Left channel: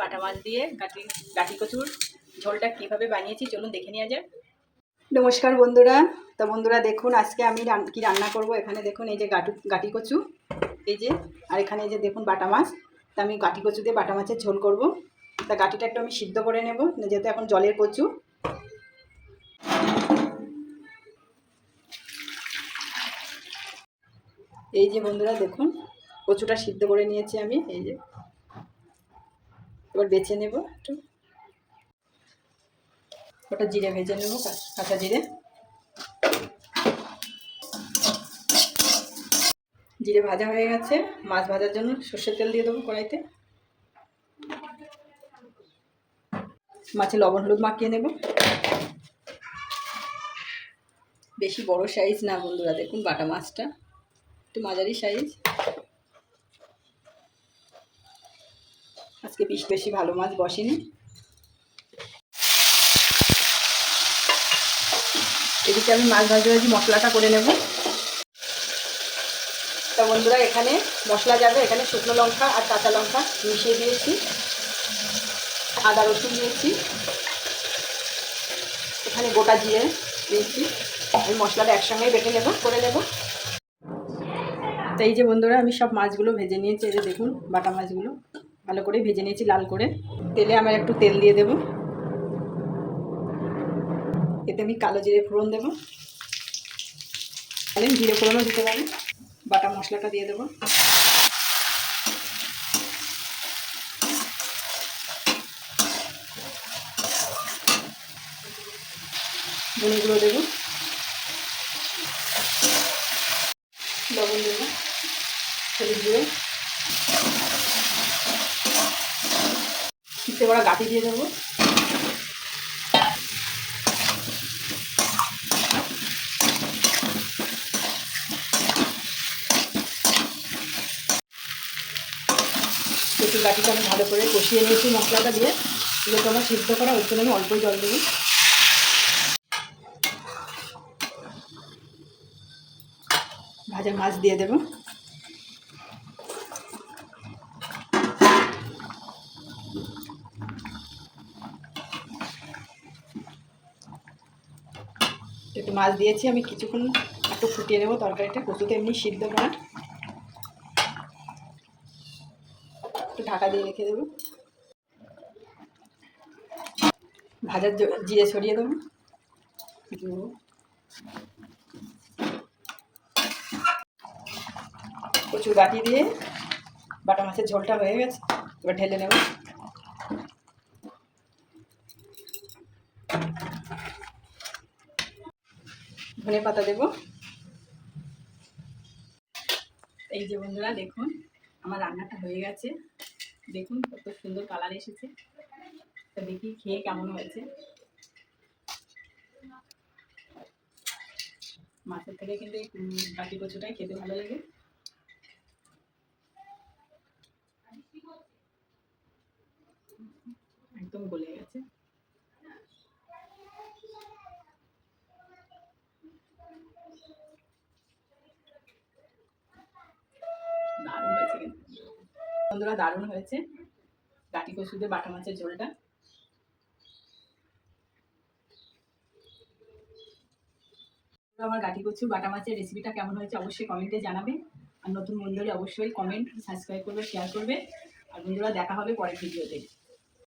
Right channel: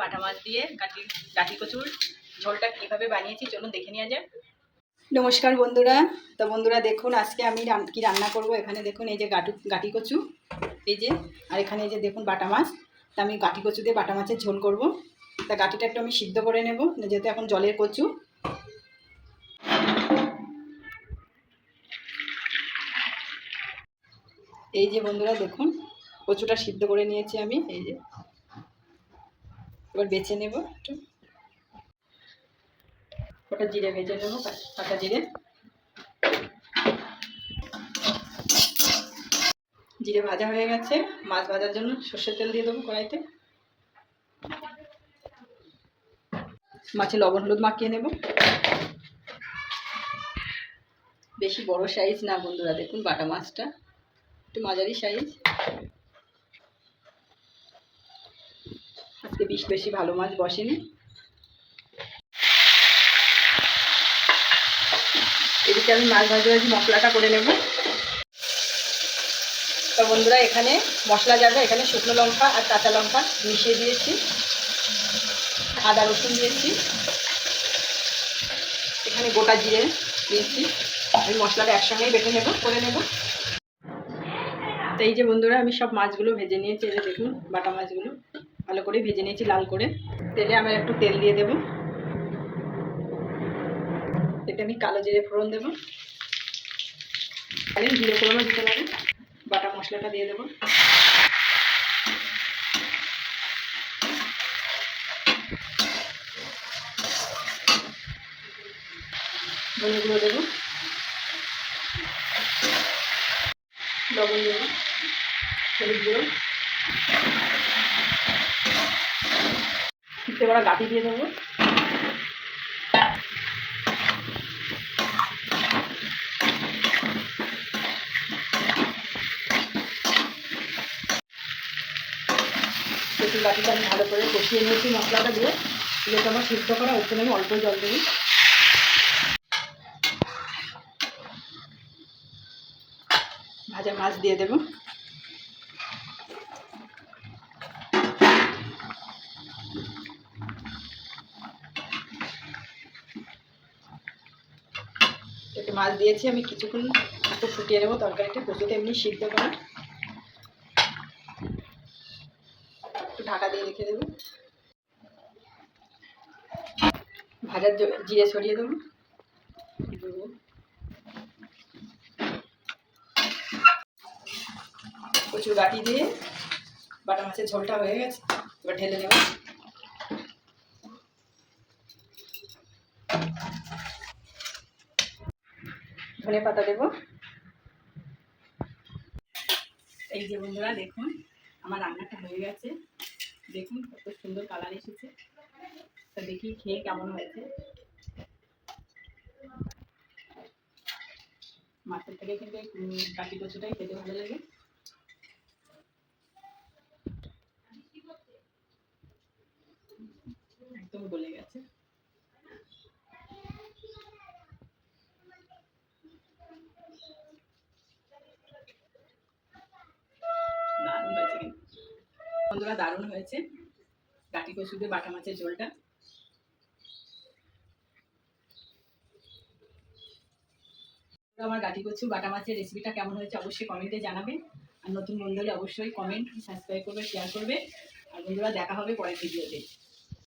বাটা মাছ দিয়ে গাঠি কচুর ঝোলটা কীভাবে বানিয়েছি চলুন দেখে নেওয়া যাক। নমস্কার বন্ধুরা। তো বন্ধুরা দেখুন আজকে আমি কি রান্না করব। এখানে দেখুন এই যে গাঠি কচু, এই যে, আর এখানে এই যে দেখুন বাটা মাছ। তা আমি গাঠি কচু দিয়ে বাটা মাছের ঝোল করব। তা গাঠিটা একটু আমি সিদ্ধ করে নেব, যেহেতু এখন জলের কচু। এই যে বন্ধুরা দেখুন কচুটা সিদ্ধ করে নিয়েছি আমি। এই যে এবার বেছে নেব একটু, ওটা জিরে ভেজে নেব, কাঁচা জিরে। জিরে ভাজা হয়ে গেছে, মাছ ভাজার জন্য সর্ষের তেল দিয়ে দেবো কড়াইতে। মাছে লবণ হলুদ মাখিয়ে নেব। বেশি বড় সাইজ না বন্ধুরা, দেখুন বাটা মাছটা একটু মাঝারি সাইজ। আজকে বেশি ভালো মাছ বসেনি। এদিকে আমি মাছ ভাজি মশলাটা করে নেব। তো বন্ধুরা এখানে মশলা যাবে, এখানে শুকনো লঙ্কা আর কাঁচা লঙ্কা মিশিয়ে দিয়েছি, আদা রসুন দিয়েছি, এখানে গোটা জিরে দিয়েছি। আমি মশলাটা একসঙ্গেই বেটে নেব, করে নেব। তো এই যে বন্ধুরা আমি সব মাছগুলো ভেজে নিয়েছি। এই যে দেখুন বাটা মাছগুলো ভালো করে ভেজে নিয়েছি লাল করে। তেলে আমার একটু তেল দিয়ে দেব, এতে আমি কালো জিরে ফোড়ন দেবো। জিরে ফোড়নও দিতে পারি। বাটা মশলাটা দিয়ে দেবো, ধনে গুঁড়ো দেবো, লবণ দেবো, হলুদ গুঁড়ো, সিদ্ধ করা গাঠি দিয়ে দেবো। একটু গাঠিটা আমি ভালো করে কষিয়ে নিয়েছি মশলাটা দিয়ে। যেহেতু আমার সিদ্ধ করা, ওর জন্য আমি অল্প জল দেবো। ভাজা মাছ দিয়ে দেবো। একটু মাছ দিয়েছি আমি, কিছুক্ষণ একটু ফুটিয়ে নেবো তরকারিটা। কচুতে এমনি সিদ্ধ করা। একটু ঢাকা দিয়ে রেখে দেবো। ভাজার জিরে ছড়িয়ে দেবো। কচুর গাঠি দিয়ে বাটা মাছের ঝোলটা হয়ে গেছে, এবার ঢেলে নেব। ধনে পাতা দেবো। এই যে বন্ধুরা দেখুন আমার রান্নাটা হয়ে গেছে। দেখুন কত সুন্দর কালার এসেছে। তা দেখি খেয়ে কেমন হয়েছে। মাছের থেকে কিন্তু গাঠি কচুটাই খেতে ভালো লাগে। একদম গলে গেছে। দারুণ হয়েছে কিন্তু বন্ধুরা, দারুণ হয়েছে গাঠি কচু দিয়ে বাটা মাছের ঝোলটা। আমার গাঠি কচু বাটা মাছের রেসিপিটা কেমন হয়েছে অবশ্যই কমেন্টে জানাবেন। আর নতুন বন্ধুরা অবশ্যই কমেন্ট সাবস্ক্রাইব করবে, শেয়ার করবে। আর বন্ধুরা দেখা হবে পরের ভিডিওতে।